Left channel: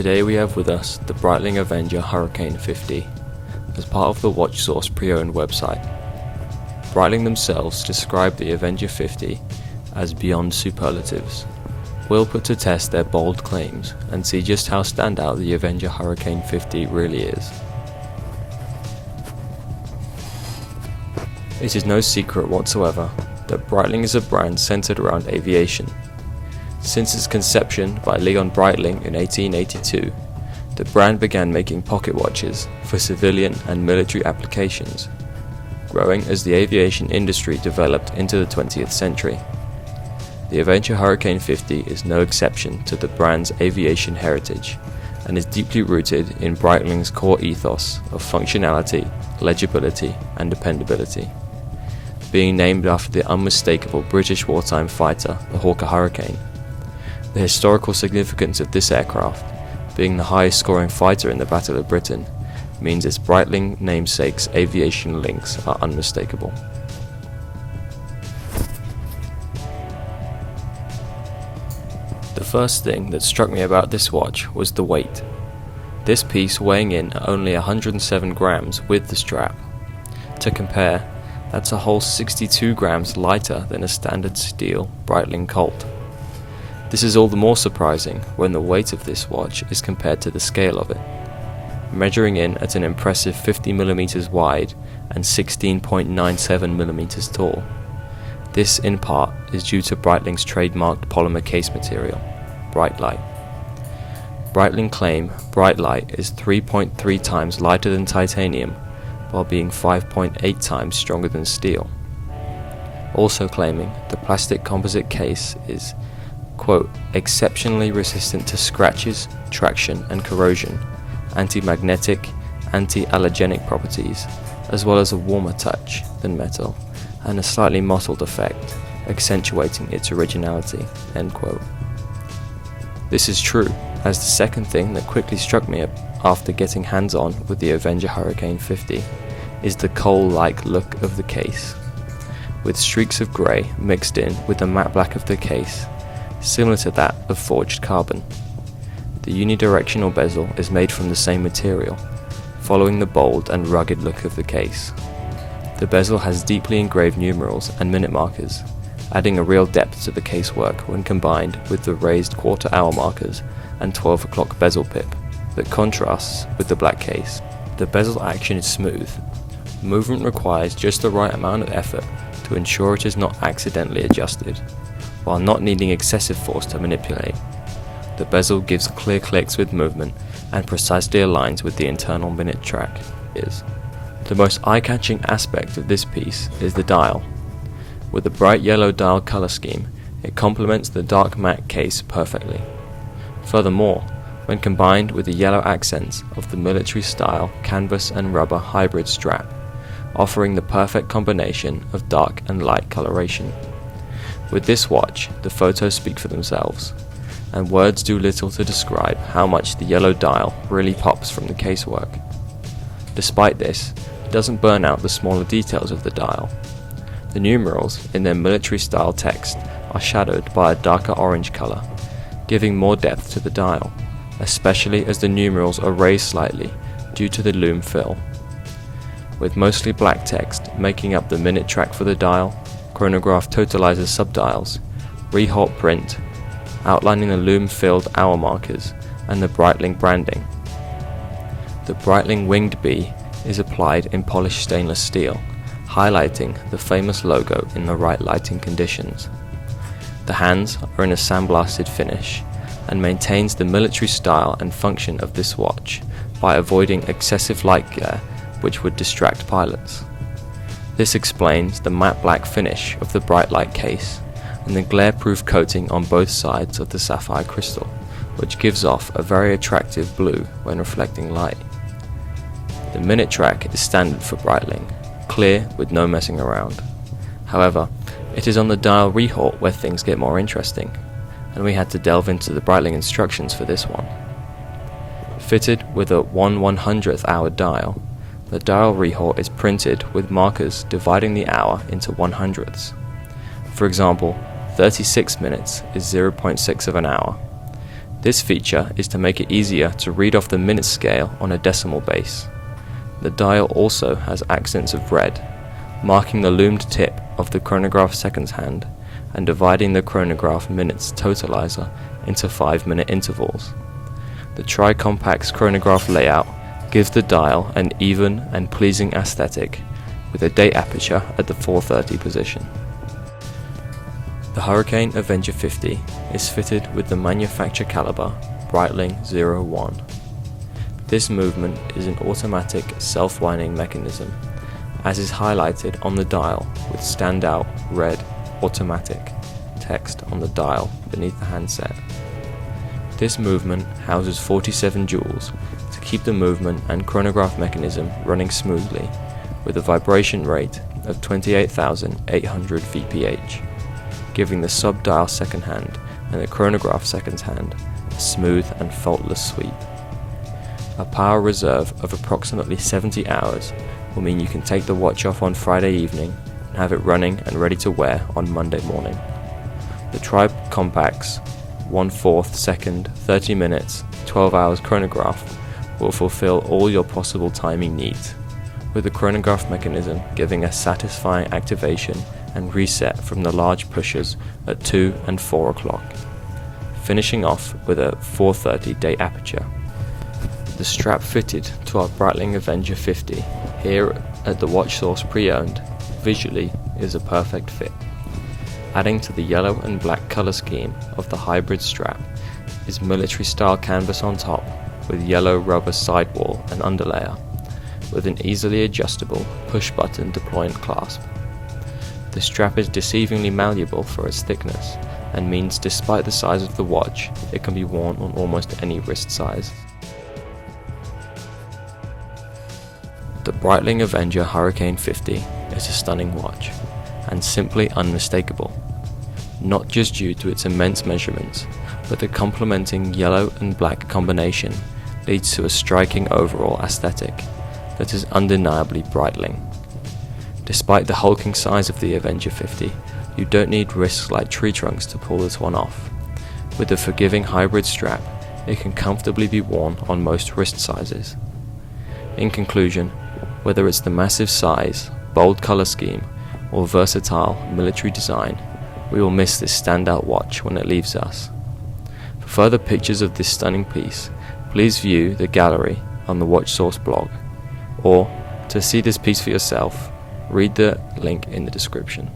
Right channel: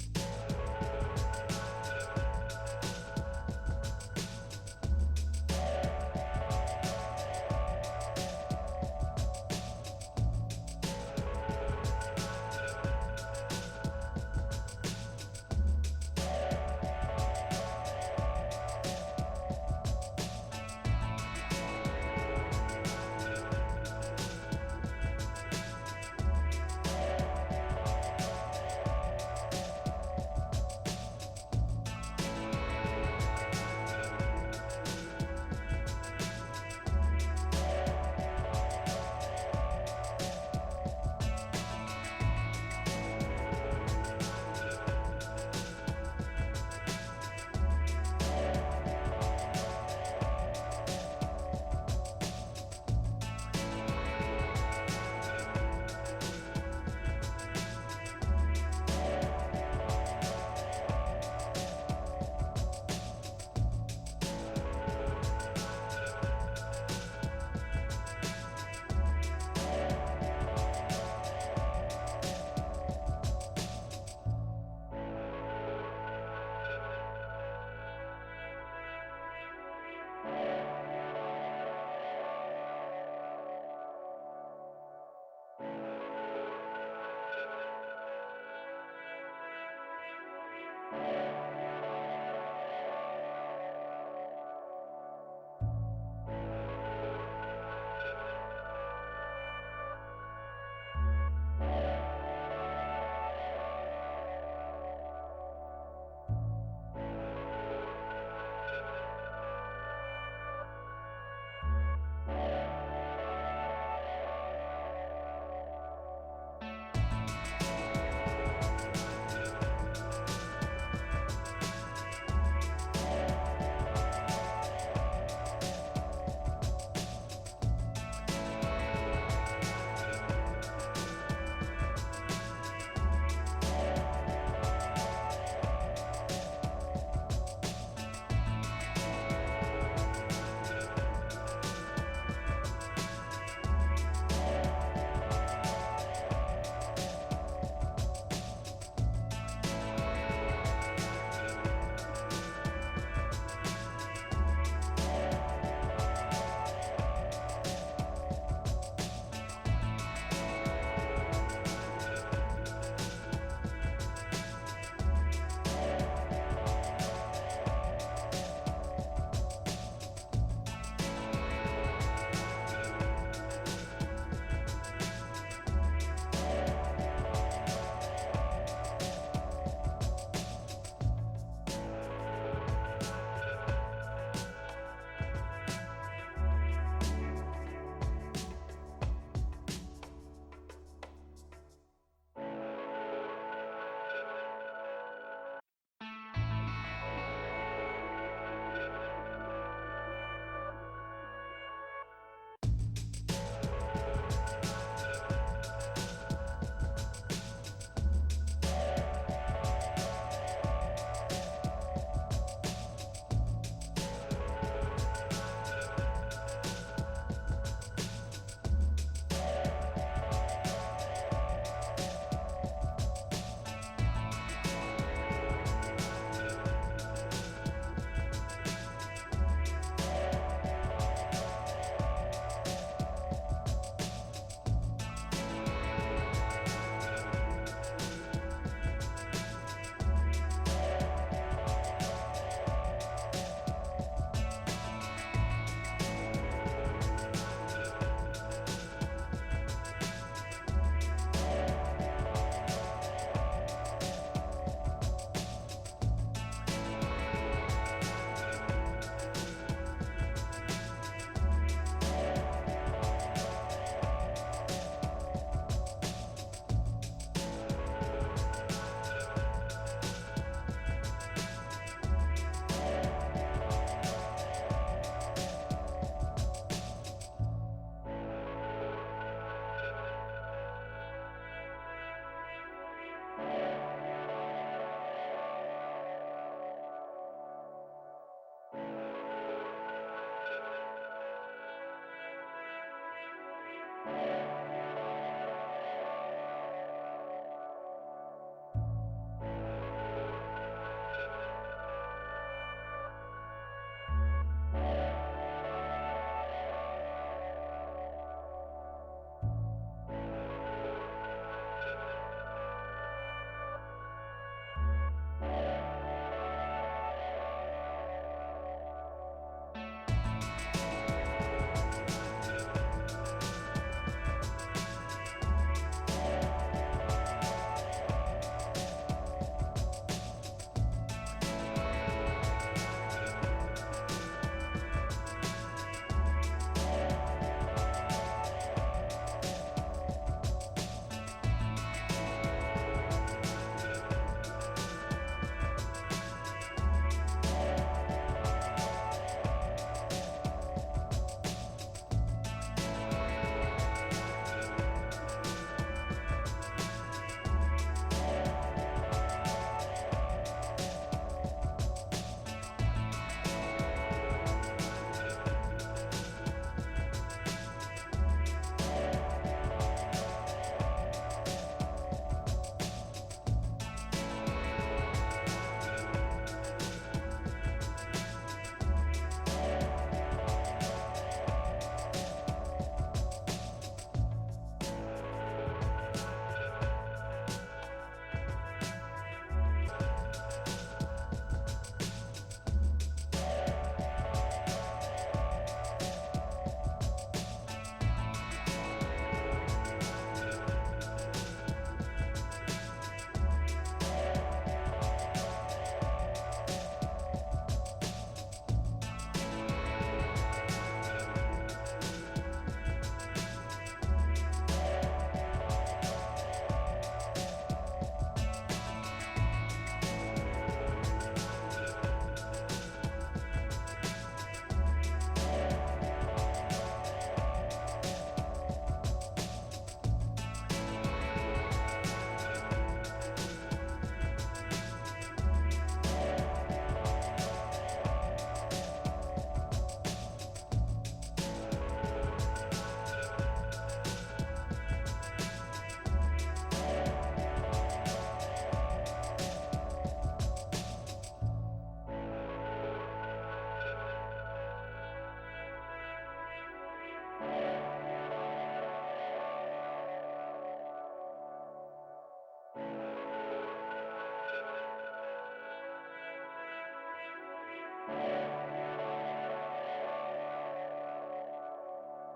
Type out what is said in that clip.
Today we have with us the Breitling Avenger Hurricane 50 as part of the WatchSource pre-owned website. Breitling themselves describe the Avenger 50 as beyond superlatives. We'll put to test their bold claims and see just how standout the Avenger Hurricane 50 really is. It is no secret whatsoever that Breitling is a brand centered around aviation. Since its conception by Leon Breitling in 1882, the brand began making pocket watches for civilian and military applications, growing as the aviation industry developed into the 20th century. The Avenger Hurricane 50 is no exception to the brand's aviation heritage and is deeply rooted in Breitling's core ethos of functionality, legibility, and dependability. Being named after the unmistakable British wartime fighter, the Hawker Hurricane. The historical significance of this aircraft, being the highest scoring fighter in the Battle of Britain, means its Breitling namesake's aviation links are unmistakable. The first thing that struck me about this watch was the weight. This piece weighing in at only 107 grams with the strap. To compare, that's a whole 62 grams lighter than a standard steel Breitling Colt. This is all the more surprising when the weight of this watch is compared to the scale of it, measuring in at an impressive 50mm wide and 16.97mm tall. This in part is due to Breitling's trademarked polymer case material, Brightlight. Breitling claim Brightlight is 3.3 times lighter than titanium while being 5.8 times stronger than steel. Also claiming the plastic composite case is quote, exceptionally resistant to scratches, traction and corrosion, anti-magnetic, anti-allergenic properties, as well as a warmer touch than metal, and a slightly mottled effect, accentuating its originality, end quote. This is true, as the second thing that quickly struck me after getting hands-on with the Avenger Hurricane 50 is the coal-like look of the case, with streaks of grey mixed in with the matte black of the case, similar to that of forged carbon. The unidirectional bezel is made from the same material, following the bold and rugged look of the case. The bezel has deeply engraved numerals and minute markers, adding a real depth to the casework when combined with the raised quarter-hour markers and 12 o'clock bezel pip that contrasts with the black case. The bezel action is smooth. Movement requires just the right amount of effort to ensure it is not accidentally adjusted, while not needing excessive force to manipulate. The bezel gives clear clicks with movement and precisely aligns with the internal minute track. The most eye-catching aspect of this piece is the dial. With the bright yellow dial color scheme, it complements the dark matte case perfectly. Furthermore, when combined with the yellow accents of the military-style canvas and rubber hybrid strap, offering the perfect combination of dark and light coloration. With this watch, the photos speak for themselves, and words do little to describe how much the yellow dial really pops from the casework. Despite this, it doesn't burn out the smaller details of the dial. The numerals, in their military-style text, are shadowed by a darker orange color, giving more depth to the dial, especially as the numerals are raised slightly due to the loom fill. With mostly black text making up the minute track for the dial, chronograph totalizer subdials, Rehalt print, outlining the loom-filled hour markers, and the Breitling branding. The Breitling winged bee is applied in polished stainless steel, highlighting the famous logo in the right lighting conditions. The hands are in a sandblasted finish, and maintains the military style and function of this watch by avoiding excessive light glare which would distract pilots. This explains the matte black finish of the Brightlight case and the glare-proof coating on both sides of the sapphire crystal, which gives off a very attractive blue when reflecting light. The minute track is standard for Breitling, clear with no messing around. However, it is on the dial Rehalt where things get more interesting, and we had to delve into the Breitling instructions for this one. Fitted with a 1/100th hour dial, the dial Rehalt is printed with markers dividing the hour into 100ths. For example, 36 minutes is 0.6 of an hour, This feature is to make it easier to read off the minute scale on a decimal base. The dial also has accents of red, marking the loomed tip of the chronograph seconds hand and dividing the chronograph minutes totalizer into 5-minute intervals. The tri-compact's chronograph layout gives the dial an even and pleasing aesthetic, with a date aperture at the 4:30 position. The Hurricane Avenger 50 is fitted with the manufacturer caliber Breitling 01. This movement is an automatic self-winding mechanism, as is highlighted on the dial with standout red automatic text on the dial beneath the handset. This movement houses 47 joules to keep the movement and chronograph mechanism running smoothly, with a vibration rate of 28,800 VPH, giving the sub-dial second hand and the chronograph seconds hand a smooth and faultless sweep. A power reserve of approximately 70 hours will mean you can take the watch off on Friday evening and have it running and ready to wear on Monday morning. The Tri-Compact's 1/4 second, 30 minutes, 12 hours chronograph will fulfill all your possible timing needs, with the chronograph mechanism giving a satisfying activation and reset from the large pushers at 2 and 4 o'clock, finishing off with a 4:30 date aperture. The strap fitted to our Breitling Avenger 50 here at the Watch Source Pre-Owned visually is a perfect fit. Adding to the yellow and black colour scheme of the hybrid strap is military style canvas on top with yellow rubber sidewall and underlayer, with an easily adjustable push button deployment clasp. The strap is deceivingly malleable for its thickness and means despite the size of the watch, it can be worn on almost any wrist size. The Breitling Avenger Hurricane 50 is a stunning watch, and simply unmistakable, not just due to its immense measurements, but the complementing yellow and black combination leads to a striking overall aesthetic that is undeniably Breitling. Despite the hulking size of the Avenger 50, you don't need wrists like tree trunks to pull this one off. With the forgiving hybrid strap, it can comfortably be worn on most wrist sizes. In conclusion, whether it's the massive size, bold color scheme, or versatile military design, we will miss this standout watch when it leaves us. For further pictures of this stunning piece, please view the gallery on the Watch Source blog, or to see this piece for yourself, read the link in the description.